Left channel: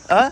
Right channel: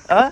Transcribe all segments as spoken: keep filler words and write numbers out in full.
आ?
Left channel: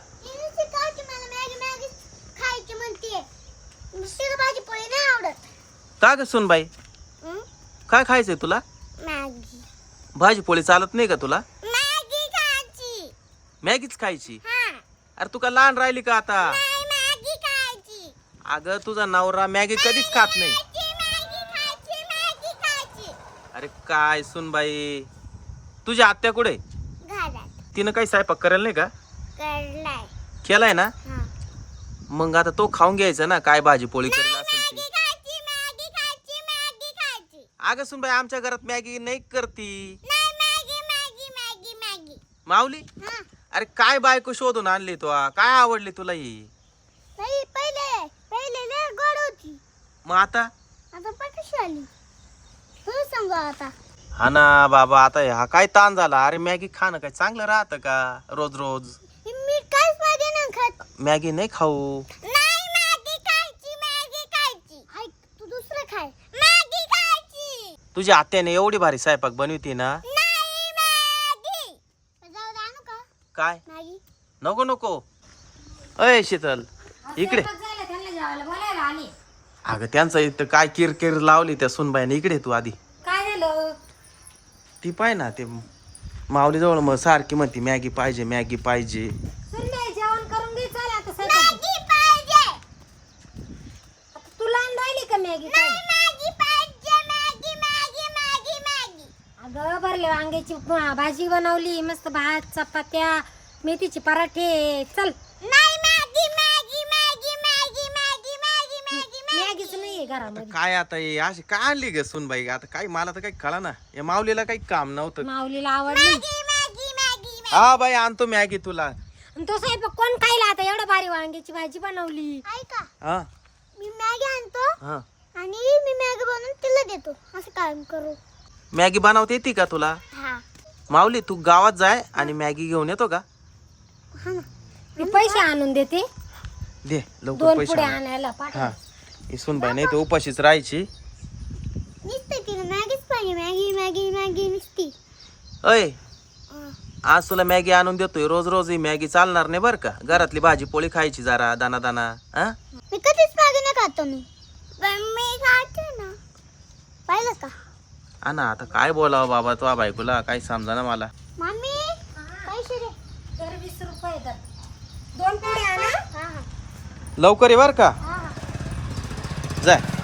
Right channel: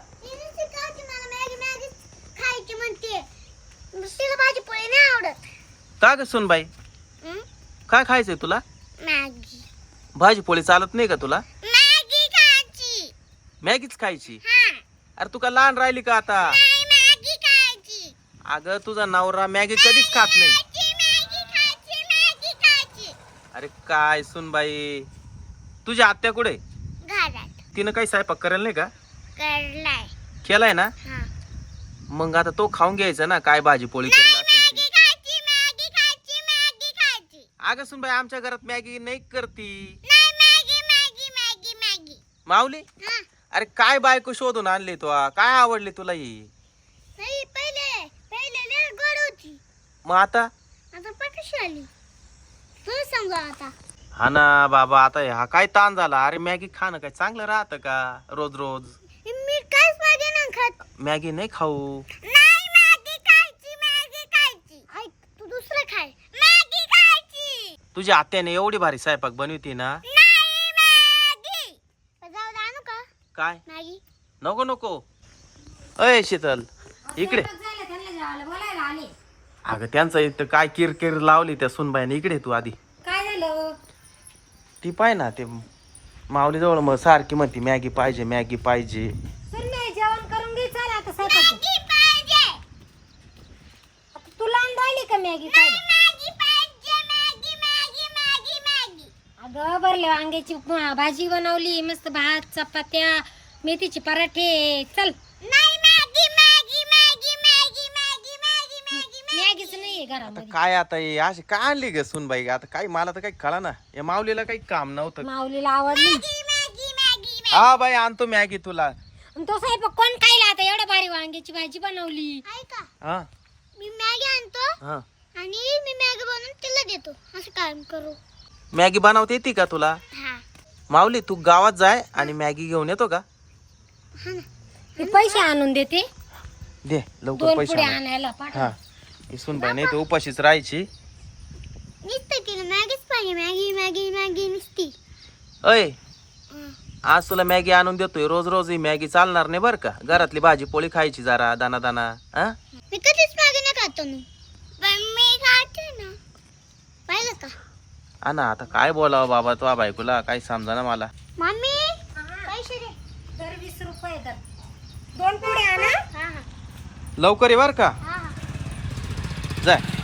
का ग सुनबाई काय खायचंय तुला? मॅगी भाजी पोळी चालत नाही का तुला? मॅगी खायची. मॅगीच खायची? हा अरे तू का लहान राहिली का आता? नाही मॅगी खायची. अगं तुझा नवरा मॅगी कधीच खात नाही. मॅगी खायची मॅगी खायची. अरे काय सुनबाई, तुझी आत्या कुठे? घरात तिनं काही स्वयंपाक करेल नाही का? करलाय. केलाय ना? हा मग आता तो खाऊन घ्यायचा ना, काय भाजी पोळी करेल असेल ती. मॅगी खायची मॅगी खायची मॅगी खायची. अगं सुनबाई आमच्या घरात मॅगी नाही करती. नाही Maggi Maggi Maggi Maggi. Mauli हा अरे काय बायको शोधून आणली तू? काय आवडली तुला ही? नाही पहिले पहिले लय गोड होती. मग आता? आता पण कशी आली तू सांगा आता. हा ना बाबा, आता हा काय ताण झाला. अरे मॅगी खाणं काय चांगलं राहतं का रोज रोज? मी काहीच मॅगी नाही खात. मॅगी नाही खाऊ. नाही मॅगी खायची मॅगी खायची. हाय तू दुसरं खाय. मॅगी खायची. तुझ्या आत्याने एवढी भारी स्वयंपाक बनवती ना. नाही मॅगी. जाऊ दे आणू का काय मॅगी? नको नको. अय शीतल इकडे. अगं त्यांचा इथं काय किरकिर लावली त्या सुनबाईने. इकडे तू आधी. काय झालं? ती पाय ना ते माऊली जवळ मग सारखी म्हणती मॅगी पाहिजे मॅगी पाहिजे. संध्याकाळी जेवण करून घे. चल आता स्वयंपाक. मॅगी पाहिजे. आता तुला आणली का मॅगी खायला? मॅगी पाहिजे मॅगी मॅगी मॅगी मॅगी. अगं भरले वांग्याची भाजी बनवली, मस्त भात चपात्या मेथीचे पराठे. चल. नाही Maggi Maggi Maggi Maggi Maggi Maggi Maggi मॅगीच नाहीये आता घरामध्ये. काय आता हे अशी काय आणली ग सुनबाई? आता काही मला तर काही कळा ना. या माऊलीला काही काम नव्हतं. माऊलीला आवडली. Maggi Maggi Maggi. हा बाई आणतो मॅगी तुला. आणि तो साहेब कोण खायला आता? एवढ्या भारी वांग्याची भाजी बनवली. ऐका हा मी मॅगी आणतो हा आणि मी मॅगी बनवून तिला देतो. असं काम करू. मॅगी बनवता येते का तुला? हा माऊली तू गावात जाय आणि मॅगी घेऊन येतो का? हा ना. मी पैसे आणून देते. दे लवकर दोन पैसे पुढे आण. आणायला पाठव. हा ही सुनबाई नाही तर उपाशीच राहायची. नुसतं तिला मॅगीच पाहिजे. मॅगी मॅगी मॅगी नुसती. अय हा. आज तुला मॅगी आणून देतोय. रोज रोज ही मॅगी चालणार नाही बरं का. घरातली भाजी पोळी खायची जरा दाना दाना. हा मी कधीच मॅगी नाही खातो मी. पण मी खाते ना. पाहिलं का? हा ना आता काय बोलावं बाबा तो बायकोला काही समजा ना मला. मम्मी पैसे दे. तर वीस रुपये तर दोन पुढे आणा. हा हा लवकर ये बर का. हा हा. जाय.